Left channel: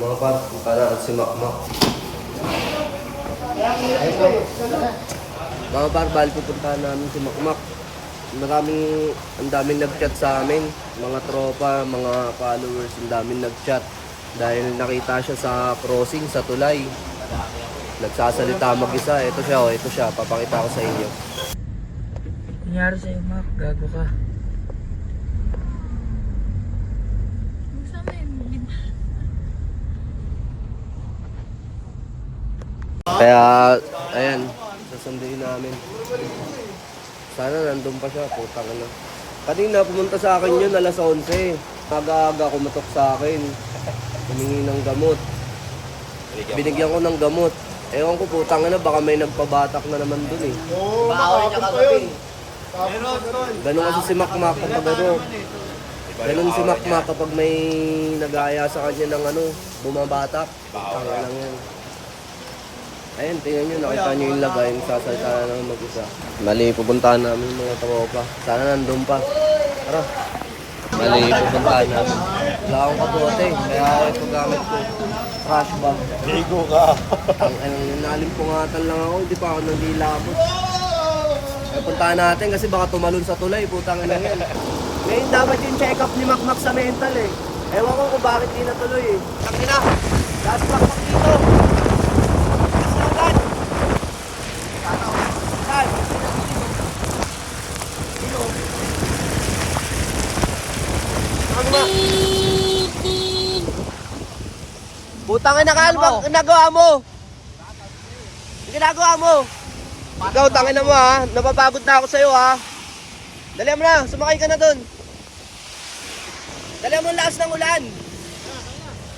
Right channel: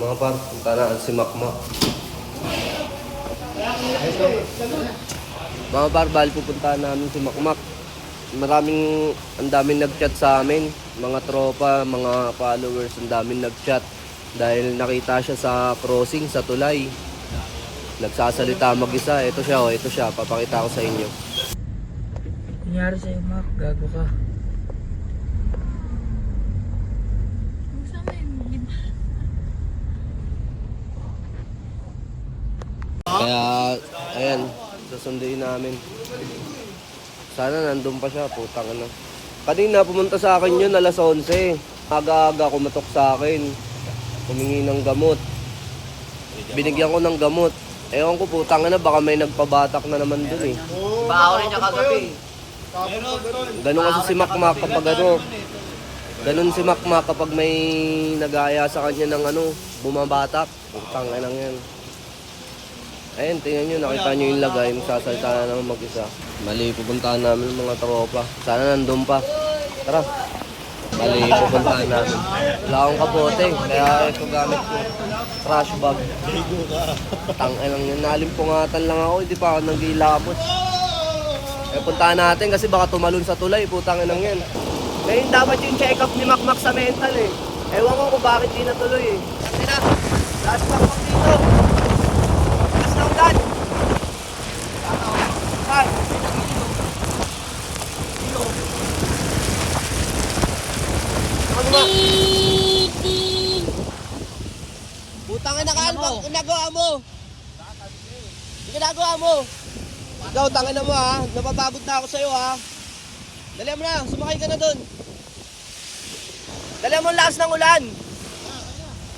Mga par, punta na si Makmak. Mga par, bali pupuntahan namin si Makmak. Ang daming nag-chat sa amin. Mga tropa, mga followers, ang daming nag-chat. Dahil nakita siya sa crossing, sa tulay. Nagsasalita mag-isa. Ito siya, papakita ko sa inyo. Nangyari sa'yo, Mac. Gago ka. Kaya, ayan, sasunduin namin. Sana nandun pa siya, putang ano. Kanina pumunta sa akin yun, alas 11. Aga-aga kumatok sa akin. Humingi ng gamot. Binigyan ko ng gamot. Ewan ko, putang na, baka may nagpabatak na naman dun eh. Bawal niya kagabi. Ganun kasi si Makmak kapag ano. Ganun si Makmak kapag may nag-aaya sa kanya ng ano, bumabatak. Putang lang yan. Ayan, tingnan nyo, nakita nyo yung lagay, sasalta na naman mag-isa. Mali, pupuntahan namin mga tropa. Sana nandun pa. Tara. Mali, pupuntahan namin. Wala akong kapote, kaya ito gamit ko. Trash bag. Ligo ka. Tanginang yun, nalimpungatan lang ako, hindi pa ako nag-ilabot. Eh, puntahan natin kasi baka tumalon sa tulay, putang inang yan. Ngayon dapat yung check-up ni Makmak sa mental eh. Ewan ko kung bakit di natuloy eh. Tangina! Lahat pa Putang ina ka, ano ginagawa mo? Ano ginagawa mo? Ikaw, tangin na mo ha. Napapagod na ako sa'yo ha. Dali mo na, sumakay ka na dun. Dali mo ang lakas ng ulan.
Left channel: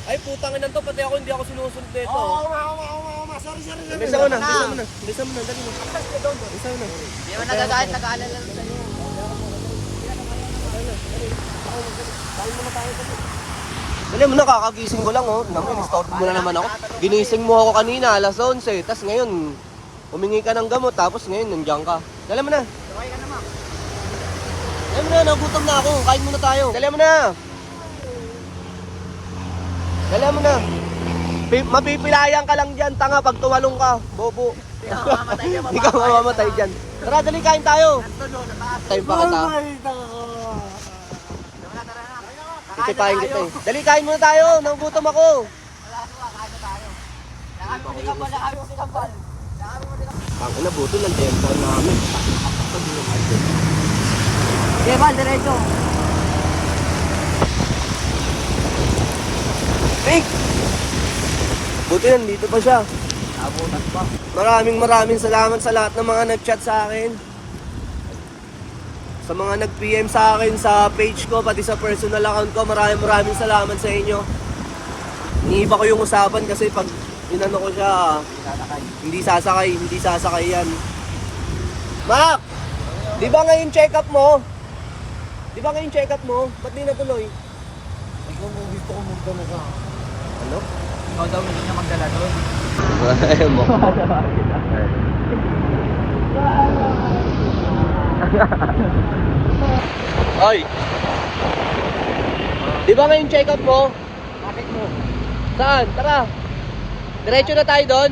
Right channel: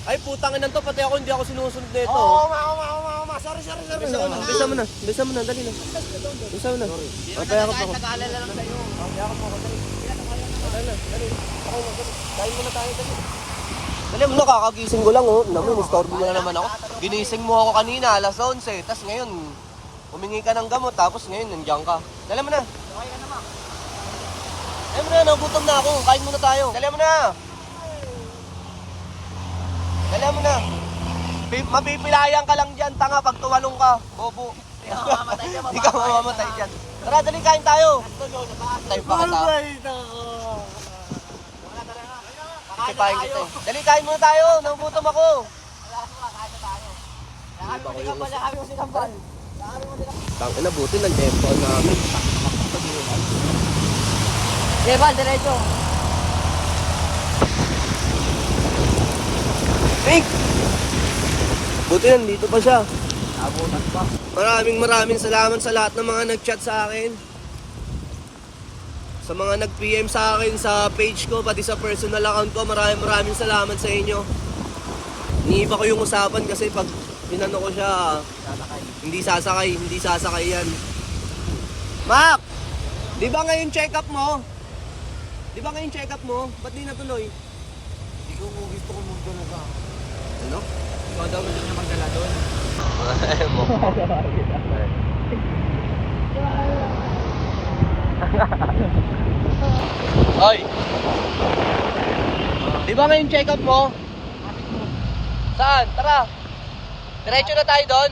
Ay, putang ina to, pati ako hindi ako sinusunod nito. Oo, sorry. Bisa mo na, dali mo. Bisa mo na. Hindi mo nagagalit, nag-aalala lang sa'yo. Dali mo na, kakagising ko lang oh. Naman, istorbo mo na naman ako. Ginising mo ako kanina, alas 11. Tapos ngayon, humingi ka ng gamot. Tapos ngayon, nandiyan ka. Dali mo na. Dali mo na, nagutom na ako. Kain muna tayo. Dali mo na. Dali mo na. Mapipilayan ka lang dyan, tanga, pag tumalong ka. Bobo. Hindi ka mamamatay dyan. Tara, dali, kain tayo. Tayo pa kita. Kikitahin kita eh. Dali, kain muna tayo. Nagutom ako. Tangin na, buti ng tempo namin. Evan, diretso. Nick! Buti nandito pa siya. Abutan pa. Maraming salamat sa lahat ng mga nag-chat sa akin. Sa mga nag-PM sa akin sa page ko, pati sa personal account ko, maraming salamat sa inyo. Iniiba ko yung usapan kasi pag inano ko siya, hindi sasakay yan. Mac! Di ba ngayon check-up mo? Ba't di natuloy? Ikaw mo gusto ko magdala ka. Ano? Ikaw daw hindi na magdala doon. Ayaw mo. Oy! Di ba ngayon check-up mo? Bakit mo? Saan? Tara! Diretso na tayo doon.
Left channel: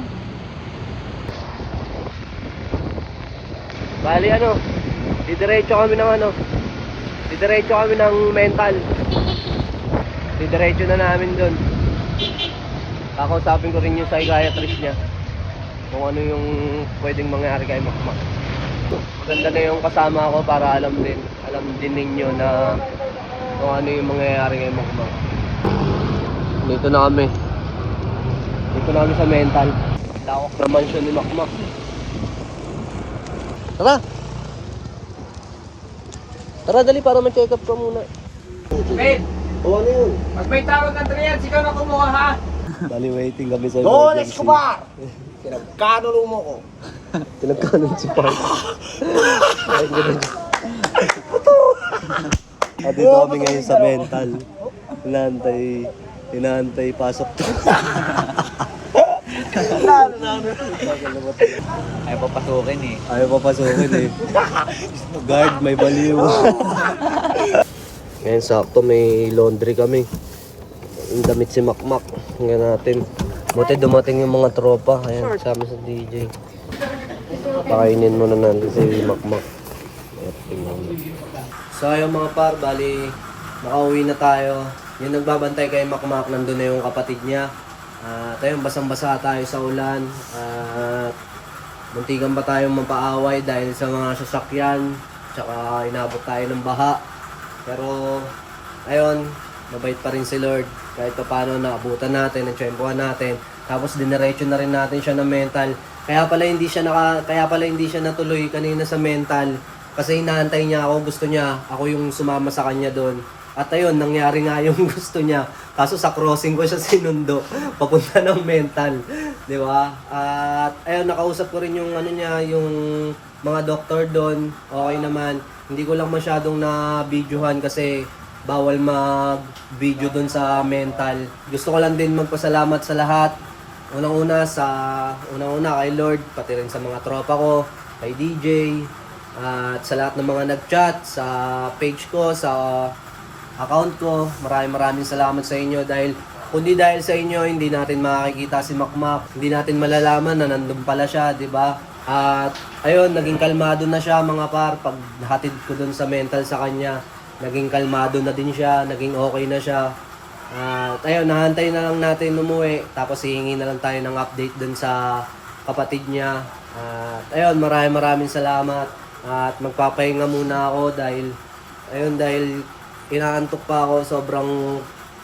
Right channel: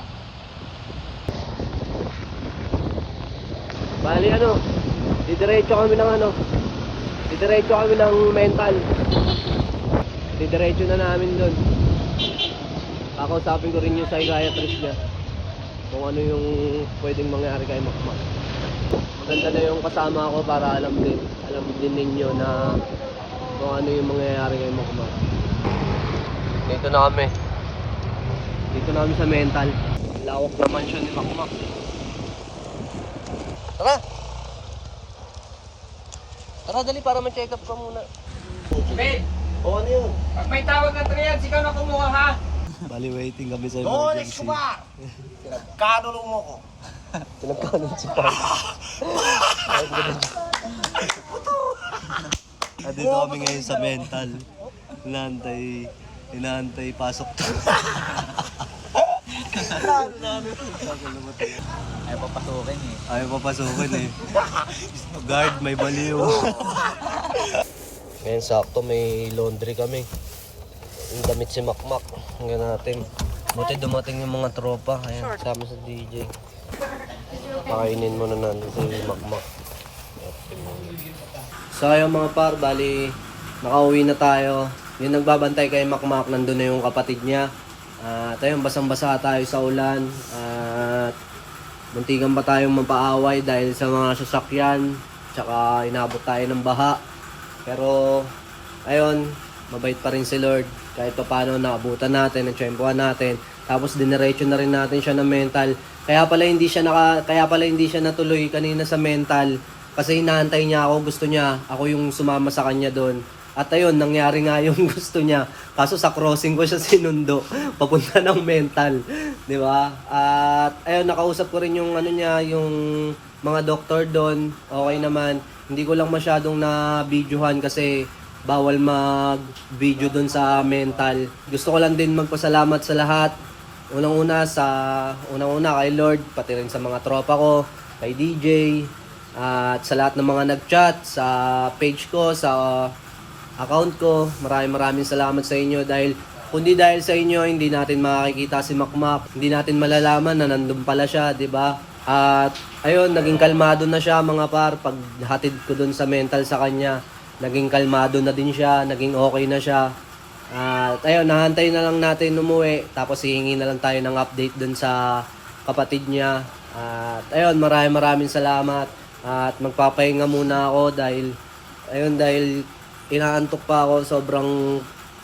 Bali ano, didiretso kami ng mental. Didiretso na namin doon. Kakausapin ko rin yung psychiatrist niya. Kung ano yung pwedeng mangyari kay Makmak. Maganda na yung kasama ko para alam din ninyo na kung ano yung mangyayari kay Makmak. Dito na kami sa mental. Lawak ng mansion ni Makmak. Tara dali para ma-check up ka muna. Ben, O ano yun? pag may tawag ng triyan, sigaw na kumuha ha. Bali waiting kami sa Don emergency. Escobar! Kanulo mo ko. Pinagkanon si Paul. At dito kami ngayon sa mental. Inaantay pasok to. Ay, papasukin eh. Ayaw papasukin eh. Guard, may baliw. Ngayon sakto may laundry kami. Yung damit si Makmak. Hanggang natin. Buti dumating yung mga tropa. Ayan, kasama sa DJ. Pakainin muna natin si Makmak. So ayun mga par, bali nakauwi na tayo. Yung nagbabantay kay Makmak, nandun na yung kapatid niya. At ayun, basang-basa tayo sa ulan. At muntikan pa tayong mapaaway dahil sa mga sasakyan. Tsaka inabot tayo ng baha. Pero ayun, mabait pa rin si Lord. Kahit pa paano naabutan natin, natsyempohan natin. Tapos diniretso na rin natin siya ng mental. Kaya pala hindi siya natuloy kanina sa mental. Kasi inaantay niya ako, gusto niya, ako yung sumama sa kanya doon. At ayun, nangyari nga yung gusto niya. Kaso sa crossing ko siya sinundo, papunta ng mental. Di ba? At ayun, nakausap ko rin yung yung mga doktor doon. Okay naman. Hindi ko lang masyadong na-videohan kasi bawal mag-video doon sa mental. Gusto ko lang din magpasalamat sa lahat. Unang-una kay Lord, pati rin sa mga tropa ko, kay DJ, at sa lahat ng mga nag-chat sa page ko, sa account ko. Maraming salamat sa inyo dahil kundi dahil sa inyo hindi natin makikita si Makmak, hindi natin malalaman na nandun pala siya, 'di ba? At ayun, naging kalmado na siya mga par pag hatid ko dun sa mental sa kanya. Naging kalmado na din siya, naging okay na siya. At ayun, nahantay na lang natin umuwi tapos hihingi na lang tayo ng update dun sa kapatid niya. At ayun, maraming salamat. At magpapahinga muna ako dahil inaantok pa ako, sobrang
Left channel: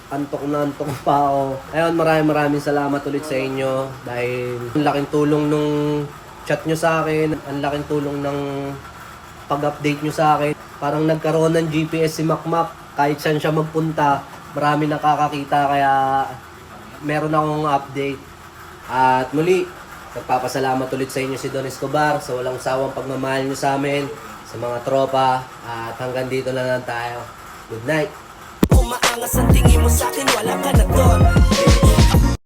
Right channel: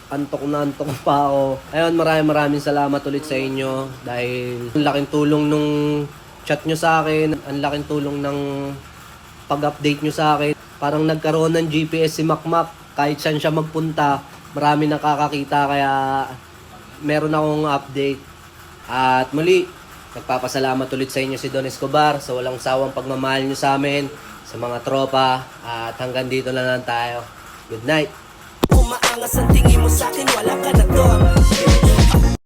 antok pa ako. Ayun, maraming salamat ulit sa inyo dahil ang laking tulong nung chat nyo sa akin, ang laking tulong ng pag-update nyo sa akin. Parang nagkaroon ng GPS si Makmak, kahit saan siya magpunta, marami nakakakita kaya meron akong update. At muli, nagpapasalamat ulit sa inyo si Don Escobar sa walang sawang pagmamahal nyo sa amin, sa mga tropa, at hanggang dito na lang tayo. Good night. Umaangas ang tingin mo sa'kin, wala ka na doon.